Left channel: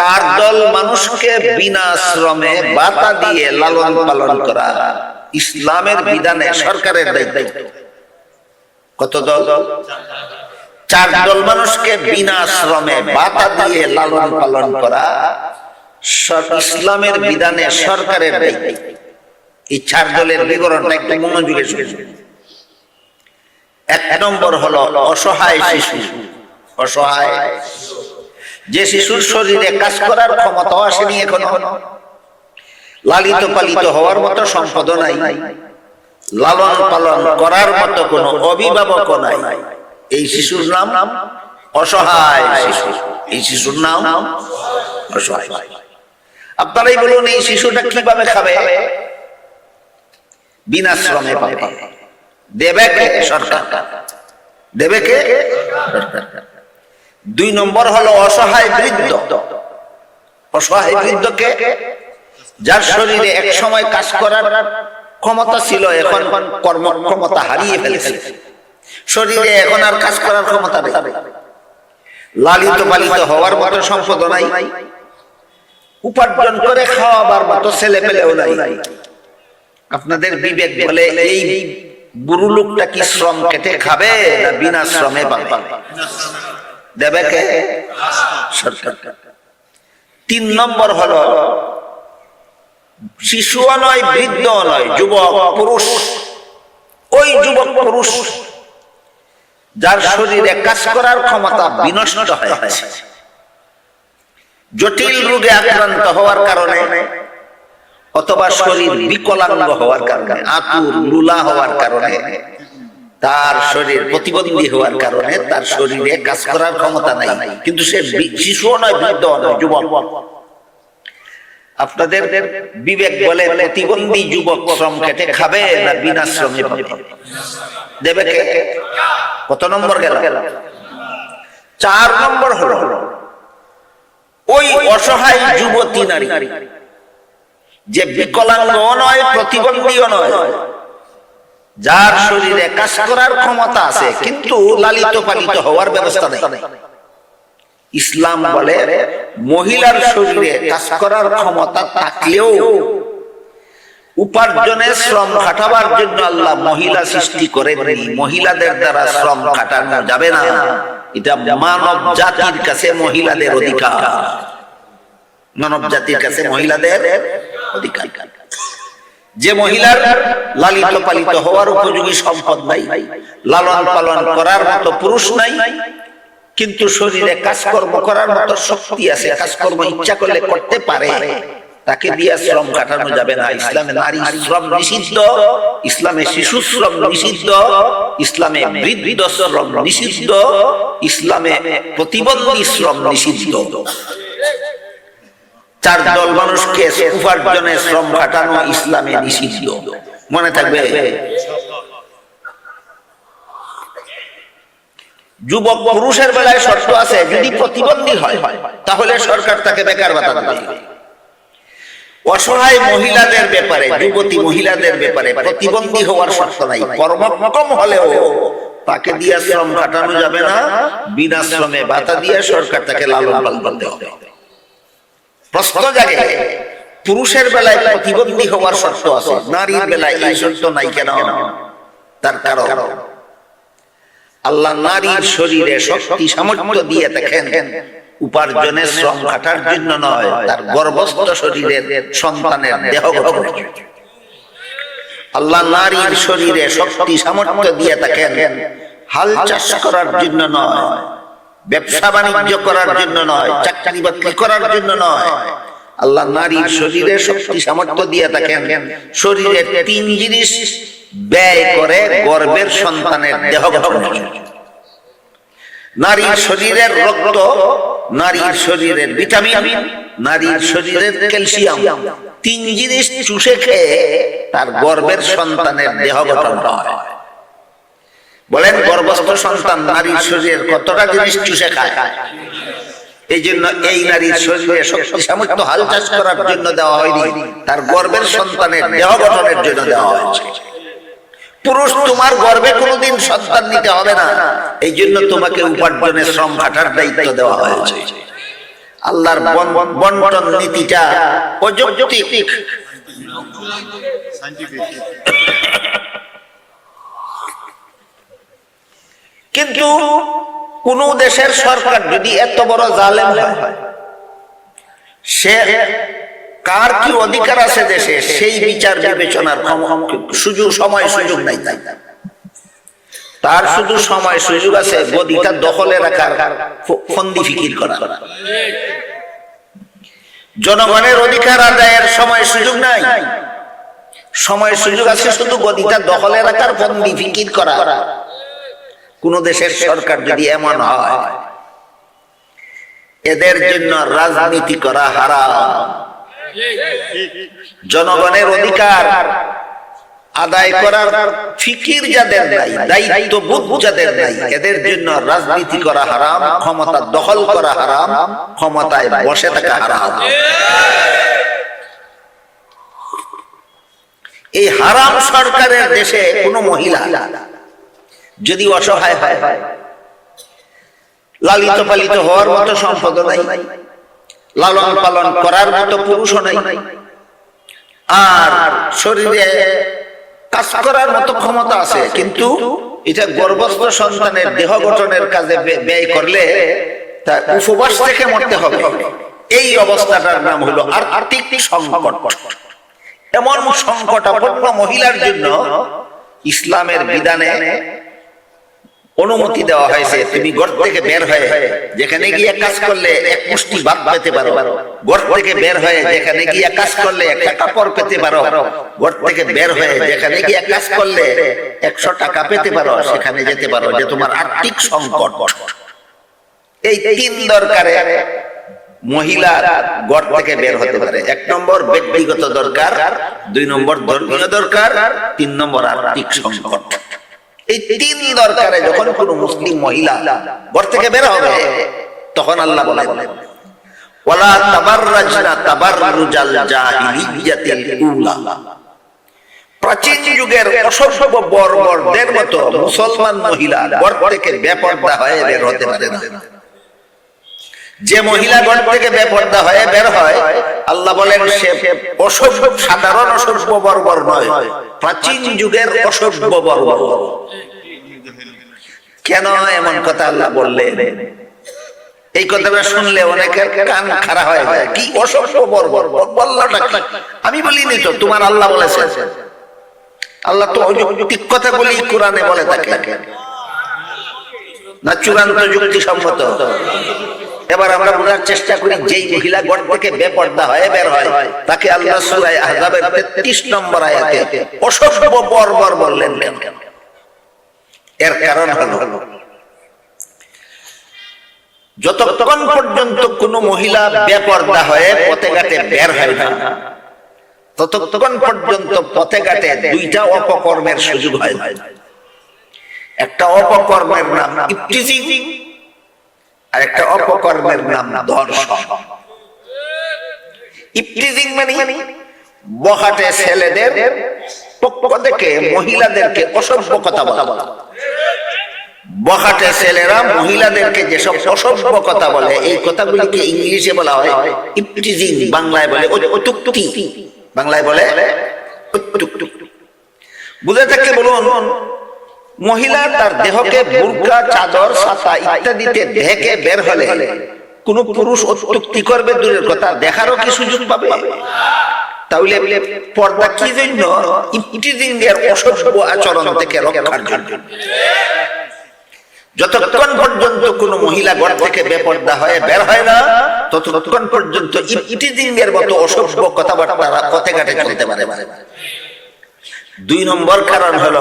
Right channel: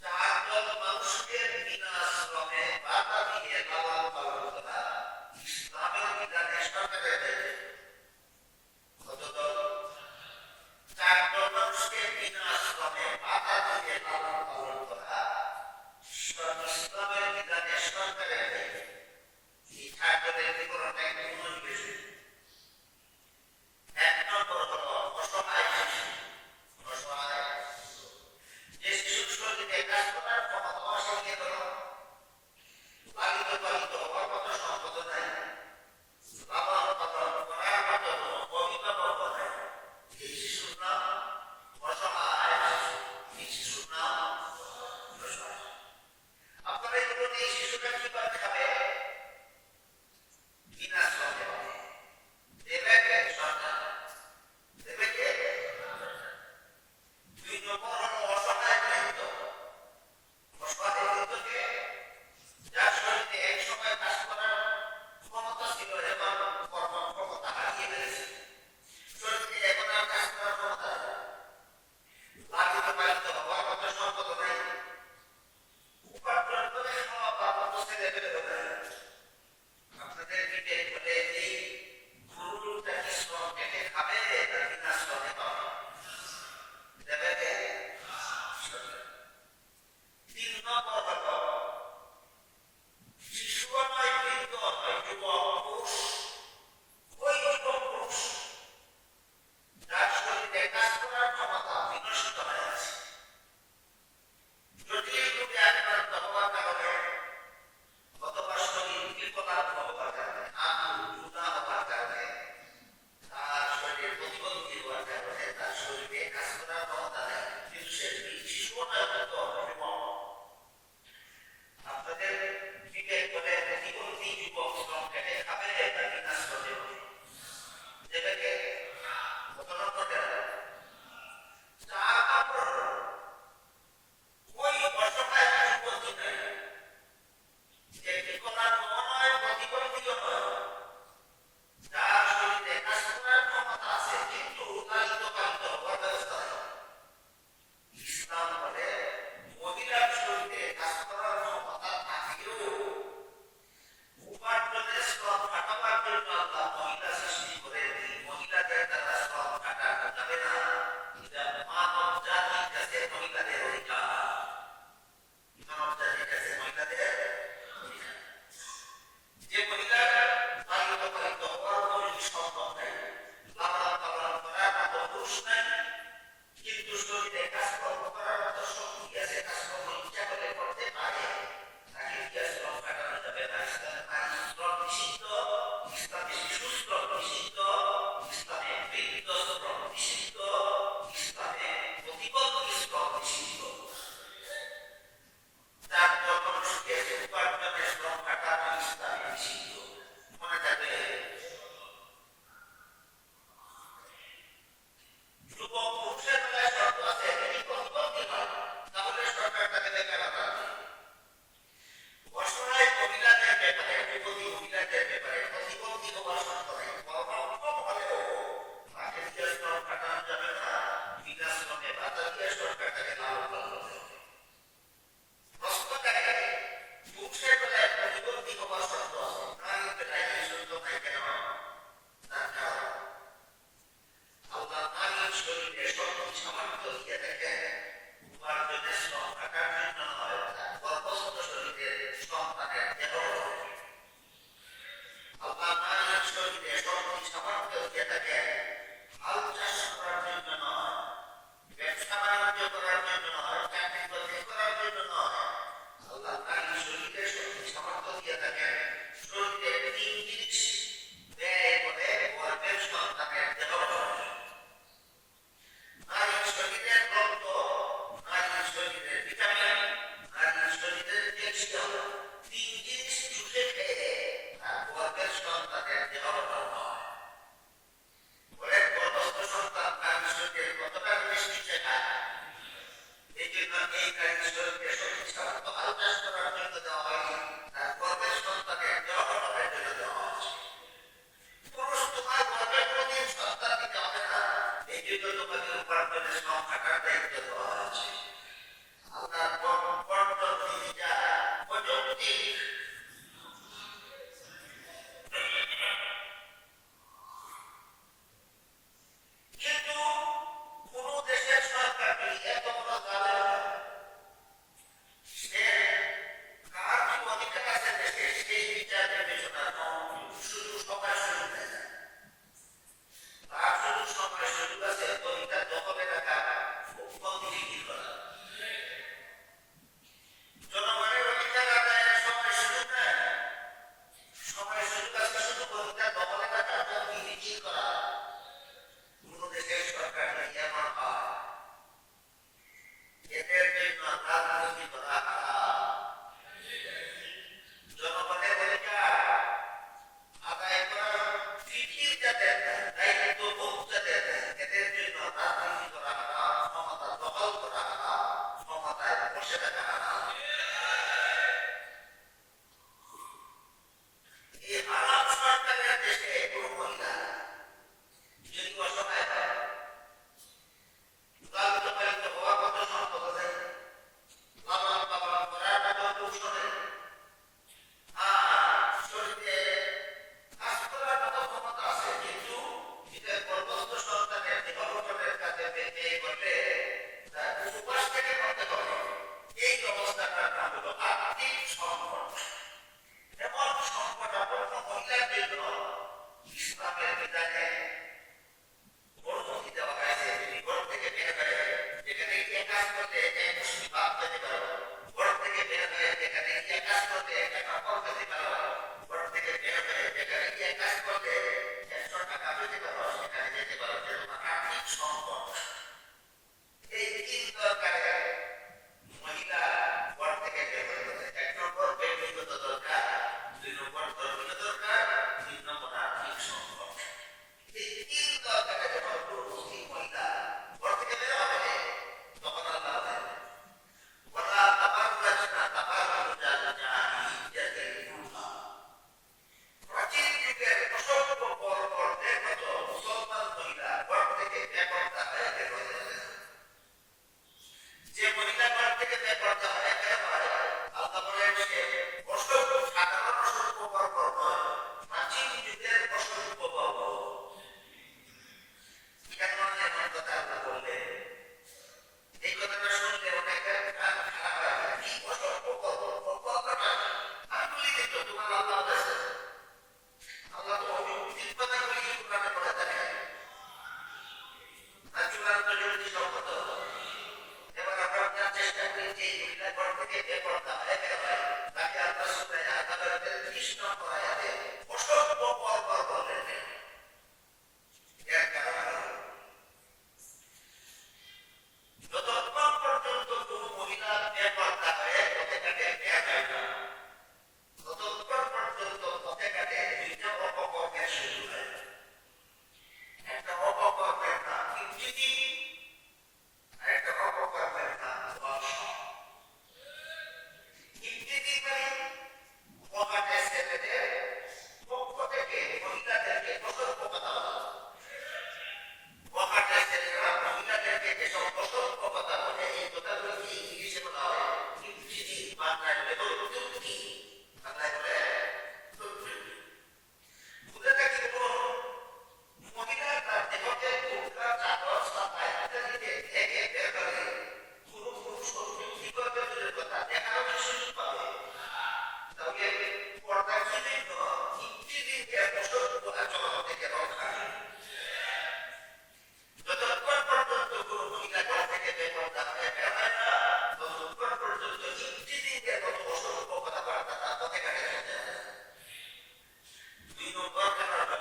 চার দল মানুষকে বিনা শ্রমে বাতা দিয়ে লালন পালন করা ইসলামের বিধানে সরকারের দায়িত্ব। কত দল? চার দল মানুষকে বিনা শ্রমে বাতা দিয়ে লালন পালন করা ইসলামের বিধানে সরকারের দায়িত্ব। এই চার দলের বিবরণটা একটু মনোযোগে এক নম্বর হলো অসহায় শিশু। অসহায় যে শিশুর শরীরে কাজ করার ক্ষমতা আসেনি এখনও। লালিত পালিত হওয়ার মতো সম্পদ নাই। লালন পালন করার মতো কোনো অভিভাবক নাই। এই শিশুর নাম অসহায় শিশু। এই শিশুর নাম অসহায়। আপনারাই বলুন, এই শিশুটা কীভাবে খাবে? বিনা শ্রমে পাবে। দেবে কে সরকার? দেবে কে? সরকার। দুই নম্বর হলো অসহায় বৃদ্ধ। অসহায় বৃদ্ধকে যার শরীরে এক সময় কাজ করার ক্ষমতা ছিল, এখন কর্ম ক্ষমতা হারিয়ে ফেলেছে। শরীরে এখন আর কাজ করার ক্ষমতা নেই। লালিত পালিত হওয়ার মতো সম্পদ নাই। উপার্জন করে খাওয়াবার মতো ছেলে পেলেও নাই। আপনাদের বিবেক বলে এই বুড়ো লোকটা কি শ্রম কেটে খাবে না বিনা শ্রমে পাবে দেবে কে? সরকার। তিন নম্বর হলো শিশুও নয় বৃদ্ধ নয় যুবক, পুরুষ। ওই যুবক, পুরুষ, যার শরীরে কাজ করার ক্ষমতা বিনষ্ট হয়েছে। জটিল রোগে আক্রান্ত হওয়ার কারণে, অথবা শরীর বিকলাঙ্গ হওয়ার কারণে, আতুর, লুলা হওয়ার কারণে তার শরীর প্রতিবন্ধী হওয়ার কারণে তার শরীরে কাজ করার ক্ষমতা নাই। কিন্তু সে শিশুও নয়, বৃদ্ধ নয়, যুবক। আপনাদের বিবেক বলে প্রতিবন্ধী যুবক শ্রম খেটে খাবে না বিনা শ্রমে দেবে কত নম্বর গেল? চার নম্বর হলো, ওই অসহায় যুবতী নারী, যে বিকলাঙ্গ নয়, প্রতিবন্ধীও নয় যার শরীরে কাজ করার ক্ষমতা আছে, কিন্তু লালিত পালিত হওয়ার ব্যবস্থা নেই। ইসলাম বলে, মহিলার শরীরে কাজ করার ক্ষমতা থাকলেও উপার্জনের শ্রম খাটাবার জন্য আল্লাহ মহিলা সৃষ্টি করে মহিলাদের দ্বারা শ্রম খাটানো যাবে না। এটা মানব জাতির কাছে মহিলাদের অধিকার। মানব জাতির কাছে মহিলাদের অধিকার। যে মহিলার লালিত পালিত হওয়ার উপযোগী সম্পদ নাই, লালন পালন করার মতো পুরুষ নাই, কিন্তু শরীরে কাজকর্ম করার মতো শক্তি আছে, কাজকর্ম ইচ্ছা করলে করতে পারে, তাকে দিয়ে শ্রম কাটানো যাবে না। ইসলামে নারী শ্রম নিষিদ্ধ, ইসলামে শিশু শ্রম নিষিদ্ধ, ইসলামে বৃদ্ধ শ্রম নিষিদ্ধ, ইসলামে প্রতিবন্ধী শ্রম নিষিদ্ধ। চার দল মানুষকে উপার্জনে শ্রম খাটানো ইসলামে নিষিদ্ধ। মনে থাকবে? যুবক পুরুষের বেলায় শর্ত আছে, যদি প্রতিবন্ধী হয়, তাহলে সরকার তাকে বেকার ভাতা অসহায় মহিলাদের ব্যাপারে, যুবতী মহিলাদের ব্যাপারে প্রতিবন্ধী হওয়ার শর্ত নাই। কর্মক্ষম হলেও তাকে দিয়ে শ্রম কাটানো যাবে না, বিনা শ্রমে ভাতা দিয়ে সরকার তাকে লালন পালন করতে হবে। প্রশ্ন জাগে। পুরুষের বেলায় প্রতিবন্ধী হওয়ার শর্ত আছে, নারীর বেলায় এই শর্ত নাই কেন? তার কারণ। আল্লাহ নারীর শরীরে শক্তি সামর্থ্য দিয়ে দেখেন, উপার্জনের শ্রম কাটার জন্য নয়, তার গর্ভস্থ শরীরের সন্তানের দেহ আল্লাহ নারীর শরীরে শক্তি সামর্থ্য দিয়ে থাকেন হাল চাষ করার জন্য নয় ব্যবসা বাণিজ্য করার জন্য নয় চাকরি বাকরি করার জন্য নয়। আল্লাহ নারীর শরীরে শক্তি সামর্থ্য দিয়ে থাকেন। শরীরে তিন জিনিস ব্যয় করে গর্ভের সন্তানের দেহ নারীর শরীরের রক্ত নারীর শরীরের ভিটামিন নারীর শরীরের ক্যালসিয়াম। তিন জিনিস চুষে খেয়ে তার গর্ভের সন্তানের দেহ গঠন হয়। বলেন গর্ভস্থ সন্তান নারীর শরীরের কতটা জিনিস চুষে খায় এই জন্য এই নারীর শরীরে শক্তি সামর্থ্য হাল চাষ করার জন্য দেওয়া হয়নি। তার গর্ভের সন্তানের দেহ গঠনের জন্য দেওয়া হয়েছে। পুরুষ তোমার গর্বে কোনোদিন সন্তান নিতে হবে না। এই জন্য তোমাকে উপার্জনের শ্রম খাটার দায়িত্ব দেওয়া হয়েছে। আল্লাহর বন- বন্টন নীতিটা অযৌক্তিক কিন্তু কোন দেশের সরকার যদি এত বড় জালেম সে কার কি অধিকার আছে দেশে? সেই বিচার বিবেচনার সুযোগ সময় সুযোগ নাই তাই। তার শুধু সময় সুযোগ আছে গদিটা দখলে রাখার ফন্দি ফিকির করা জনগণের অধিকার আদায়ের সময় সুযোগ নাই। সময় সুযোগ আছে শুধু গদিটা দখলে রাখার, ফন্দি ফিকির করা কোন দেশের সরকার যদি এমন হয়, এদের জন্য রাজনীতি করা হারাম। জনগণের অধিকার আদায় করার ফিকির যাদের নাই দায়িত্ব বোধ যাদের নাই, এদের জন্য রাজনীতি করা হারাম, ক্ষমতা দখল করা হারাম, ক্ষমতায় বসে থাকা হারাম। এই হারাম সরকারের দেশে কোনো মহিলা যদি অসহায় হয়। লালিত পালিত হওয়ার মতো সম্পদ নাই। লালন পালন করার মতো পুরুষও নাই। আর শরীরে কাজ করার মতো ক্ষমতা আছে, কিন্তু এটা গর্ভস্থ সন্তানের দেহ গঠনের কাজে ব্যয় করলে তা উপবাস থেকে মরতে হবে। এই অবস্থাটার নাম হলো আর্থিক সংকট। এমন সংকটাপন্ন মহিলার জন্য ইসলামের বিধানে অনুমতি দেওয়া হয়েছে, তুমি ঘর থেকে বের হয়ে যেখানে গিয়ে কাজ করলে এক মুষ্টি ভাত পেতে পারো। ঘর থেকে বের হয়ে যেখানে গিয়ে কাজ করলে একটা কাপড় পেতে পারো। ঘর থেকে বের হয়ে যেখানে গিয়ে কাজ করলে একশো টাকা পেতে পারো, সেখানে যেতে পারো। যে তোমার আর্থিক সংকট। এই তিন দরকারে মহিলা ঘর থেকে বের হতে পারে। এক নম্বর ব্যক্তিগত দরকার, দুই নম্বর ধর্মীয় দরকার, তিন নম্বর আর্থিক সংকট। এই তিন দরকারে যখন কোনো মুসলিম মহিলা ঘর থেকে বের হবে, তখন আল্লাহ বলে ওয়ালা তাবাররাজনা তাবাররুজাল জাহিলিয়াতিল উলা। প্রাচীন যুগের অসভ্য বর্বরদের মতো মুসলমান মহিলা ঘর থেকে বেপর্দা হয়ে বের হতে পারে না। যে মহিলা ঘর থেকে বেপর্দা হয়ে বের হয়, আল্লাহ বলেন সে অসভ্য, সাধারণ অসভ্য বর্বর নয়, প্রাচীন যুগের অসভ্য বর্বর। কেন এমন কথা আল্লাহ বললেন? এই কথাটা শুনলে অনেকের কান খারাপ হয়ে যায়। কি অসভ্য বর্বর? বললাটা আমি বলিনি তো, তোমার আল্লাহ বলেছে আল্লাহ তো অযৌক্তিক কথা বলি কোরআনে বলে থাকে না চূড়ান্ত যুক্তি সম্মত। এবার আমরা বোঝার চেষ্টা করি, যেই মহিলা ঘর থেকে বেপর্দা হয়ে বের হয়, তাকে আল্লাহ সূরা আহজাবের 33 নম্বর আয়াতে অসভ্য বর্বর বললেন। এর কারণ হলো, যতক্ষণ পর্যন্ত কোন মহিলা বেপর্দা হয়ে পথে ঘাটে বের হয় না, ততক্ষণ পর্যন্ত পথে ঘাটে দুইটা অপকর্মের সুযোগ হয়। একটা অপকর্মের নাম ইফটিজিং আর একটা অপকর্মের নাম ধর্ষণ। ইফটিজিং মানে বহাটে ছেলেদের পক্ষ থেকে মহিলাদেরকে অসভ্য কথা বলা। বখাটে ছেলেরা মহিলাদেরকে যেসব অসভ্য কথা বলে এই কথাগুলিকে ইংলিশে বলা হয় ইপটিজিং বাংলায় বলে অতুক্তি বাংলায় বলে। বুঝে থাকে বলুন? মহিলা তার দেহকে বুরকা চাদর ছাতা ইত্যাদিতে ঢেকে বের হলে কোন পুরুষ অত্যুক্তি করবে দূরের কথা দেখারও কি সুযোগ পাবে? তাহলে পর্দা কি জন্য? এর অসভ্য আচরণ থেকে রক্ষার জন্য। যতক্ষণ পর্যন্ত কোন মহিলা ঘর থেকে বেপর্দা হয়ে বের হয় না ততক্ষণ পর্যন্ত এর মতো অসভ্য কথাবার্তা পথে ঘাটে চলতে পারে দুই নম্বর কারণ হলো,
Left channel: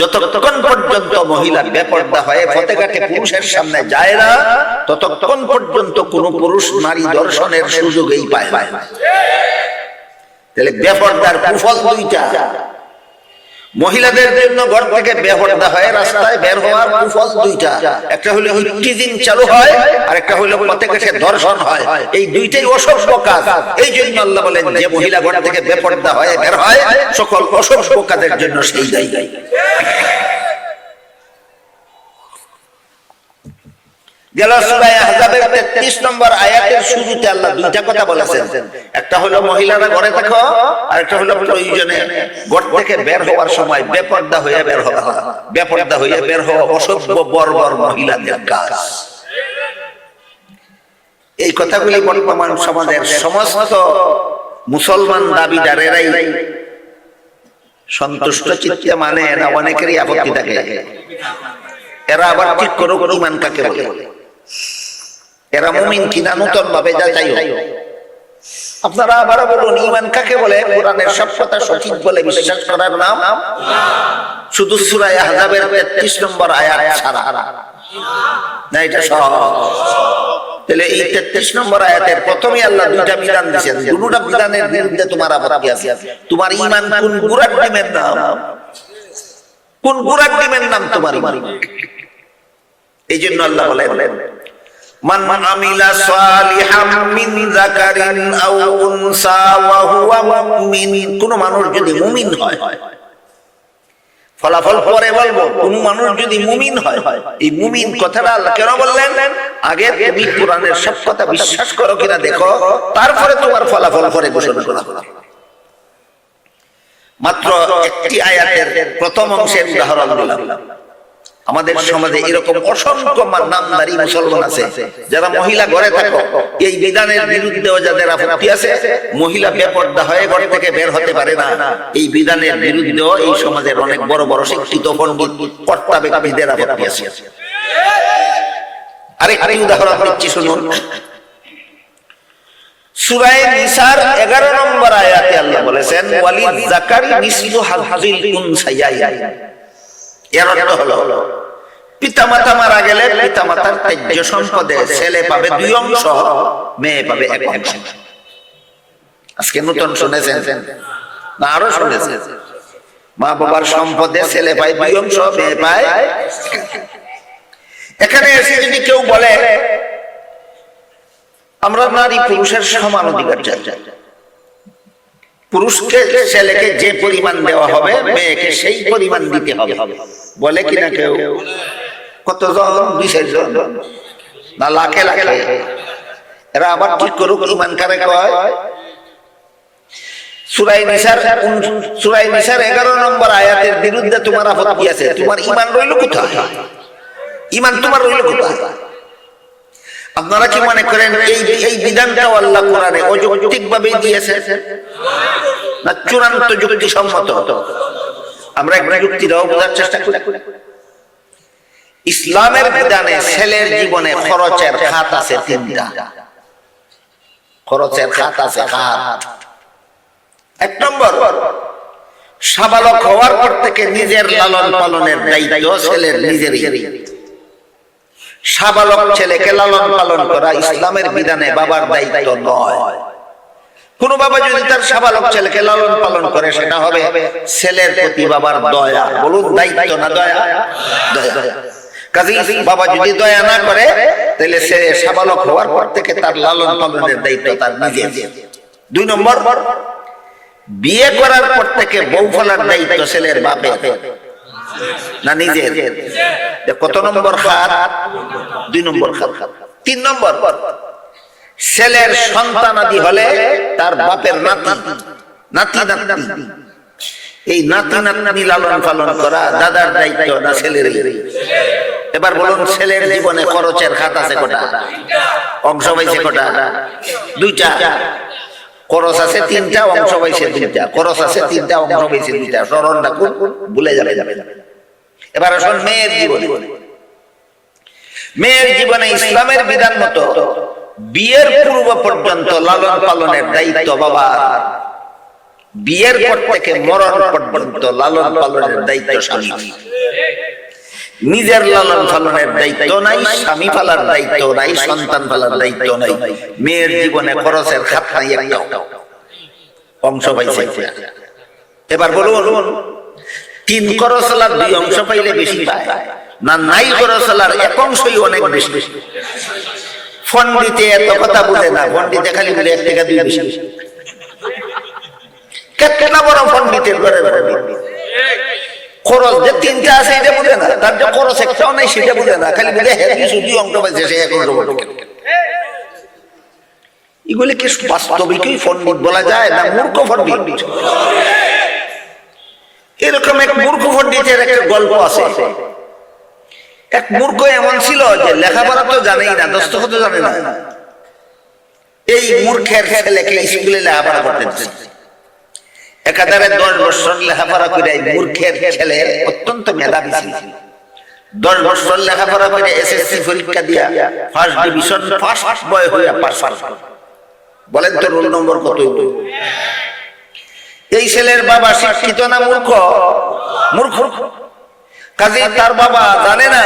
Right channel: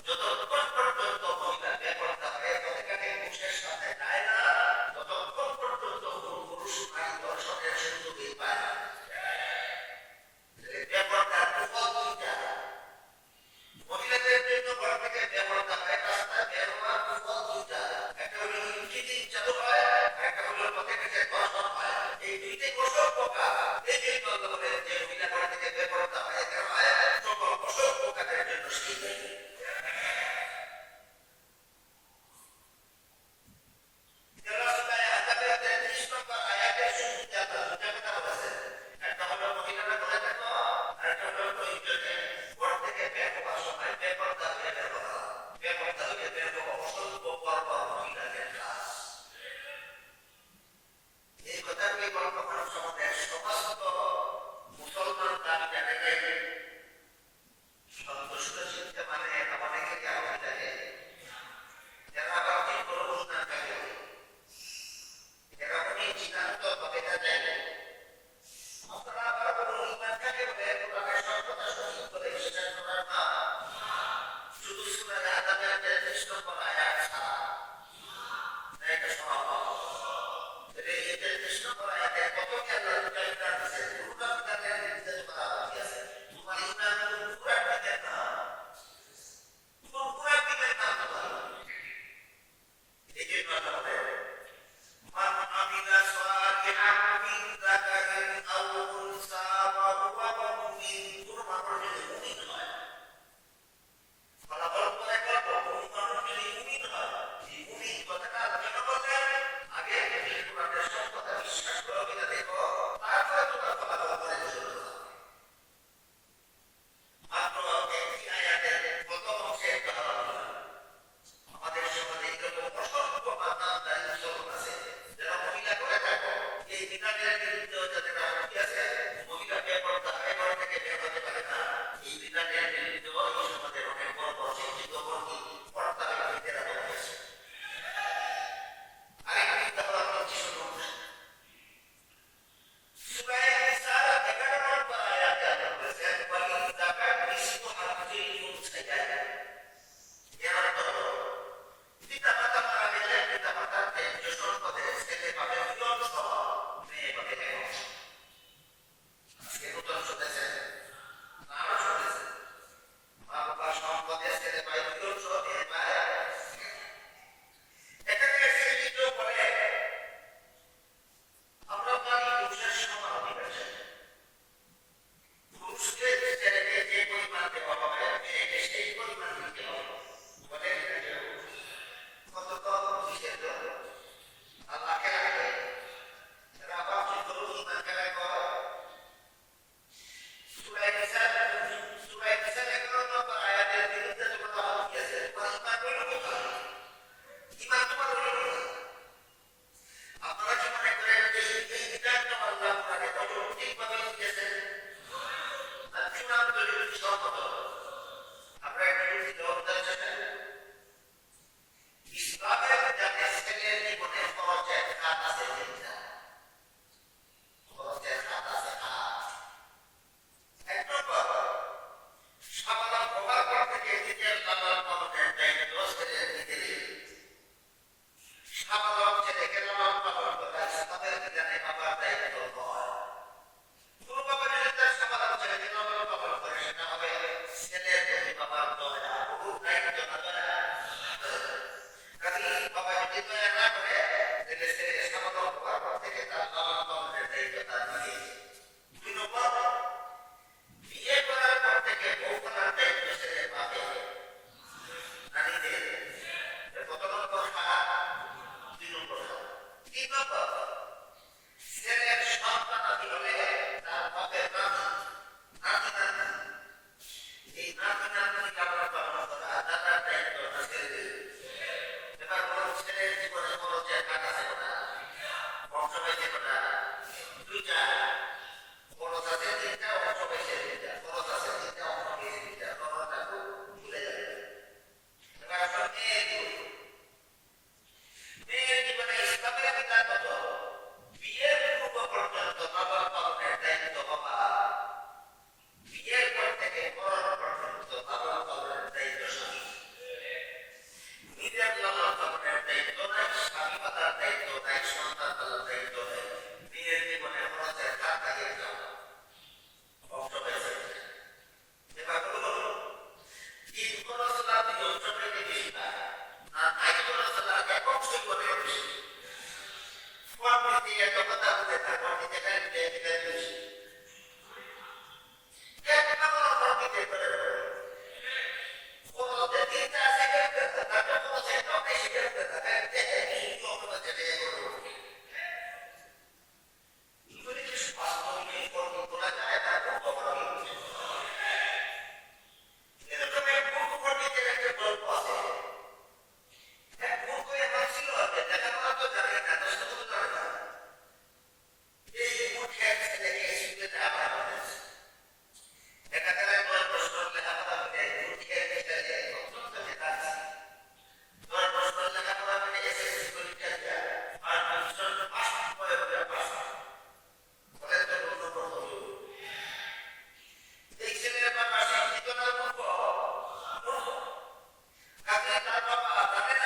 যতক্ষণ পর্যন্ত মহিলা বেপর্দা হয়ে ফতেঘাটে পুরুষের সামনে যায় না, ততক্ষণ পর্যন্ত কোন পুরুষ নারী দর্শনের সুযোগই পায় তাহলে বেপর্দার কুফল দুইটা। মহিলাদের জন্য ঘর থেকে বের হয়, রাস্তায় বের হওয়ার কুফল দুইটা। একটা হলো টিজিং চালু হয় আর একটা হলো পথে কাছে ধর্ষণ হয়। এই দুইটাই অসভ্য কাজ। এই জন্য আল্লাহ বলেন, যে মহিলা ঘর থেকে বেপর্দা হয়, বের হয়, সকল অসভ্য কাজের জন্য সেই দায়ী। গেল সূরা আহজাবের 33 নম্বর আয়াতের শুরুতে আল্লাহ দুইটা কথা বলেছেন। একটা হলো মহিলারা ঘরে থাকো আর একটা হলো প্রয়োজনে ঘর থেকে বের হওয়ার সময় বেপর্দা বের হওয়া। বেপর্দা বের হওয়া অসভ্য, বর্বর মহিলাদের কাজ। এই কথাগুলি বর্তমান সমাজের সমস্ত মুসলমান দাবিদারেরাই সন্তুষ্ট, চিত্তে মানে না, অনেকেরই আপত্তি থাকে। এরা আবার ঠিক করো ইমান কাকে বলে? এরা মুমিন কিনা নূতন ভাবে যাচাই। আপনারা আবার বলুন ইমান কাকে বলে? কোরআনের সব কথা সঠিক বলে বিশ্বাস করার নাম? শুধু সূরা আহজাবের 33 নম্বর আয়াত ছাড়া। না এটা সহজ। তাহলে এই 33 নম্বর আয়াতের প্রথমে আল্লাহ দুইটা বিধান দিয়েছেন। দুটোটা বিধানের বিরুদ্ধে তোমার আপত্তি আছে। তোমার ইমান কোন ডিমের নাম? কোন ডিমের নাম তোমার এই জন্য আল্লাহ বলেন আমিলা সালিহাম মিন যাকারিন আও উনসা ওয়া হুয়া মুমিন। কোন মানুষ যদি মুমিন হয়, ফলাফল পরে বলব, কোন মানুষ যদি মুমিন হয়, এই মুমিন কথাটা কেন বললেন? আগে তুমি কোরআনের সব কথা বিশ্বাস করো কিনা দেখো, তারপরে তোমার ফলাফল পরে ঘোষণা করা হবে। মাত্র একটি আয়াতের প্রথম অংশের উদাহরণ দিলাম। আমাদের সমাজে এরকম অসংখ্য নামদারি মুসলমান আছে। যারা মহিলা ঘরে থাকো এই বিধানের বিরুদ্ধেও যাদের আপত্তি আছে মহিলা বেপর্দা হয়ে ঘর থেকে বের হতে পারে না। এই বিধানের বিরুদ্ধেও এই সমাজের অনেক বড় বড় শিক্ষিত পণ্ডিত কর্তা ব্যক্তিদের আপত্তি আছে। আরেকটি উদাহরণ দিচ্ছি শুনুন। সূরায়ে নিসার 11 নম্বর আয়াতে আল্লাহ বলেছেন ওয়ালিদ যাকারি মিসলু হাযিল উনসায়াই এর অর্থ হলো, পিতামাতা মারা গেলে পিতামাতার ত্যায্য সম্পদে ছেলে পাবে দুই অংশ, মেয়ে পাবে এক অংশ। আজকে নতুন শুনেছেন? না, আরও শুনেছেন। মা বাবার সম্পদে ছেলে পায় দুই অংশ, মেয়ে পায় এখানে এসে যদি কেউ বলে, আমরা নারী পুরুষের সমান অধিকার চাই। পুরুষকে ছেলেকে যে পরিমাণ দেওয়া হবে, মেয়েকে সেই পরিমাণ দিতে হবে। বলে কিনা কেউ? কতজন? বিশেষ জন? না, লাখে লাখে। এরা আবার ঠিক করুক ইমান কারে কয়? সুরাই এগারো নম্বর বিরুদ্ধে তোমার আছে। তোমার ইমান রইল কোথায়? ইমান তোমার রইল কোথায়? আপনারা কি মনে করেন এই এই বিধানটাও আল্লাহ কোরআনে অযৌক্তিক ভাবে দিয়েছে? না চূড়ান্ত যুক্তি সম্মত আমরা একটা যুক্তিটাও বোঝার চেষ্টা করি। ইসলামের বিধানে ছেলের জীবনে খরচের খাত আছে তিনটা। খরচের খাত আছে খাত। এক নম্বর, সাবালক হওয়ার পর থেকে নিজের লালন পালনের দায়িত্ব ছেলের নিজেরই। সাবালক ছেলেকে লালন পালন করা ইসলামের বিধানে বাবার দায়িত্ব নয়। কোন বাবা যদি তার সাবালক ছেলেকে লালন পালন করে, সেটা হবে ছেলের প্রতি বাবার দয়া। বলুন, দায়িত্ব না দয়া? দয়া। কাজে বাবা যদি দয়া না করে, তাহলে সে সাবালক হওয়ার পর থেকে তার লালন পালনের দায়িত্ব তার নিজের। দুই নম্বর, বিয়ে করার পর থেকে বউ ফলার দায়িত্ব ছেলের বাপে না নিজের? কত নম্বর খাত? দুই নম্বর খাত। তিন নম্বর। ছেলের সন্তানাদি হলে তার বাপের নাতি। নাতি। নাতি এই নাতি নাতনি লালন পালন করা দাদার দায়িত্ব না ছেলের এবার বলুন ছেলের জীবনে খরচের খাত আছে কোটা? অংশ পাইছে কোটা? দুইটা। খরচ আছে তিনটা অংশ পাইছে দুইটা। খরচ আছে তিনটা অংশ পাইছে দুইটা। স্মরণ রাখুন ভুলে যাবে যাবে এবার আসুন মেয়ের জীবনে। মেয়ের জীবনে ইসলামের বিধান মতো বিয়ের পূর্ব পর্যন্ত লালন পালনের দায়িত্ব বাবার। বিয়ের পর থেকে মরণ পর্যন্ত লালন পালনের দায়িত্ব স্বামী নিজের লালন পালনের দায়িত্ব নাই, স্বামী পালার দায়িত্ব নাই, সন্তান পালার দায়িত্ব নাই। মেয়ের জীবনে খরচের খাত নাই একটাও। অংশ পাইছে। এবার বলুন তিন করসলার দুই অংশ পাইলে বেশি পায়। না, নাই করসলার এক অংশই অনেক বেশি। ফন্ডিতে এত কথা বুঝে না ফন্ডিতে খালি বলে এক টাকা দুই বেশি। কেতনা বড় পন্ডিতের ঘরে খরচ যে তিনটা আছে এটা বুঝে না, তার যে খরচ একটাও নাই সেটা বুঝে না, খালি বুঝে হেভি শুধু অঙ্ক পাইছে, সে এক পাইছে। এগুলি কি বাস্তবিকই পণ্ডিত বলা যায় না মূর্খ পণ্ডিত এরকম এক মূর্খ পণ্ডিতের একটা গল্প আছে। এক মূর্খ এমন ছিল যে লেখাপড়া তো জানেই না, দস্তখত জানে না। এই মূর্খের ছেলেকে স্কুলে লেখাপড়া করতে দিচ্ছে একাধারে দশ বছর লেখাপড়া করে এই মূর্খের ছেলে অত্যন্ত মেধাবী ছিল। দশ বছর লেখাপড়া করে এসএসসি পরীক্ষা দিয়া ফার্স্ট ডিভিশন ফার্স্ট বয় হইয়া পাস বলেন তো রোল নম্বর কত? এই ছেলের বাবা শিক্ষিত না মূর্খ? মূর্খ। কাজে তার বাবা জানে না,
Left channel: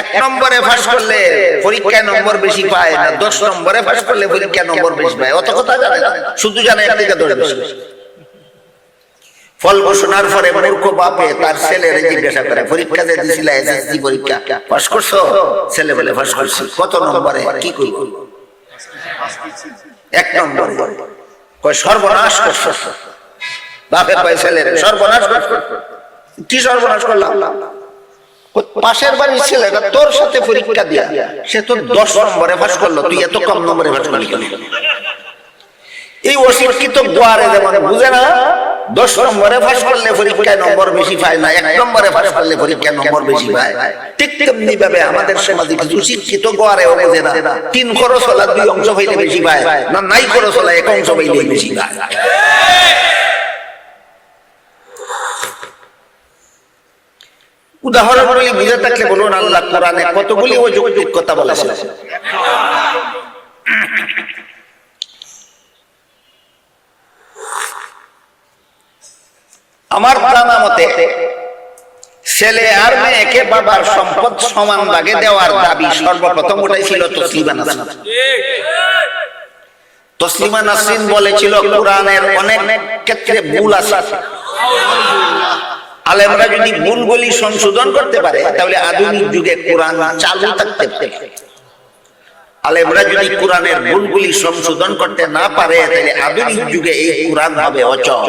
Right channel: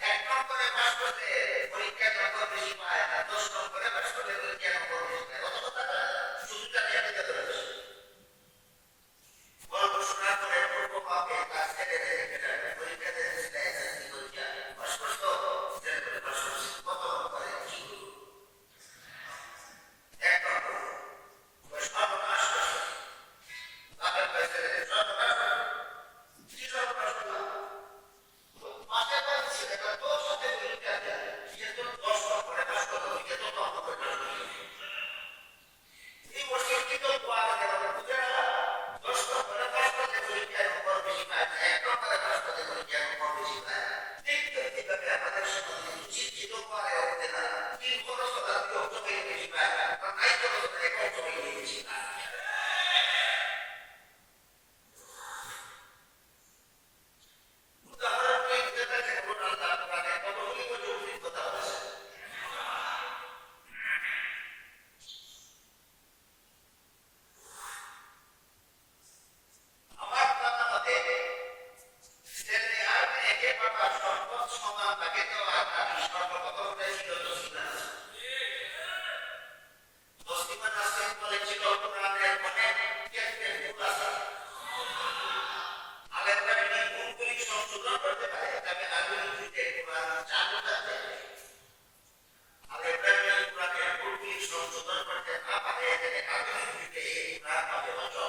এক নম্বরে ফাঁস করলে পরীক্ষায় নম্বর বেশি পায় না, দশ নম্বরে ফাঁস করলে পরীক্ষায় নম্বর বেশি পায়। অত কথা জানে না, শুধু জানে একদিকে দশ বেশি ফল ঘোষণার পরে মূর্খ বাপে তার ছেলের জিজ্ঞাসা করে, পরীক্ষা যে দিছিল, এসএসসি পরীক্ষা, পাস করছ? ছেলে বলে, পাস করছি। কত নম্বরে? কি করব? এক নম্বর। কয়, সর্বনাশ করছ। বাপে কয় ছেলে সর্বনাশ কি সর্বনাশ করলাম? পাশের বাড়ির ছেলেটা তোর সাথে পরীক্ষা দিয়া, সে তো দশ নম্বরে পাস করল। তুই এত কম নম্বরে পাস করলি কেন? এই অশিক্ষিত গোয়ারে যেমন বুঝে না? দশ নম্বরে পাস করলে পরীক্ষায় নম্বর বেশি পায় না, এক নম্বরে পাস করলে পরীক্ষায় নম্বর বেশি পায়। ঠিক তেমনি ভাবে আমাদের সমাজে কিছু শিক্ষিত গোয়ারে বোঝে না, তিন খরচ হলা দুই অংশ হইলে বেশি পায়, না নাই খরচ হলা এক অংশ হইলে বেশি পায়। উদাহরণগুলি বুঝে থাকলে বলুন আল্লাহ কোরআনে কতগুলি ও যৌক্তিক কথা বলেছে আমার জানা মতে, ছেলে আর মেয়েকে বাবার সম্পদ সমান ভাগে দেওয়ার দাবি সর্বপ্রথম উঠেছিল তসলিমা নাসরিন। তসলিমা নাসরিন বলেছিল, কোরআনের অনেক ক্ষেত্রে ভুল আছে। আলেমরা যদি ভুলগুলি সংশোধন করতে পারে, তাহলে আধুনিক যুগে কোরআন চালু থাকতে পারে। আলেমরা যদি কোরআনের ভুলগুলি সংশোধন করতে না পারে, তাহলে আধুনিক যুগে এই কোরআন হবে অচল।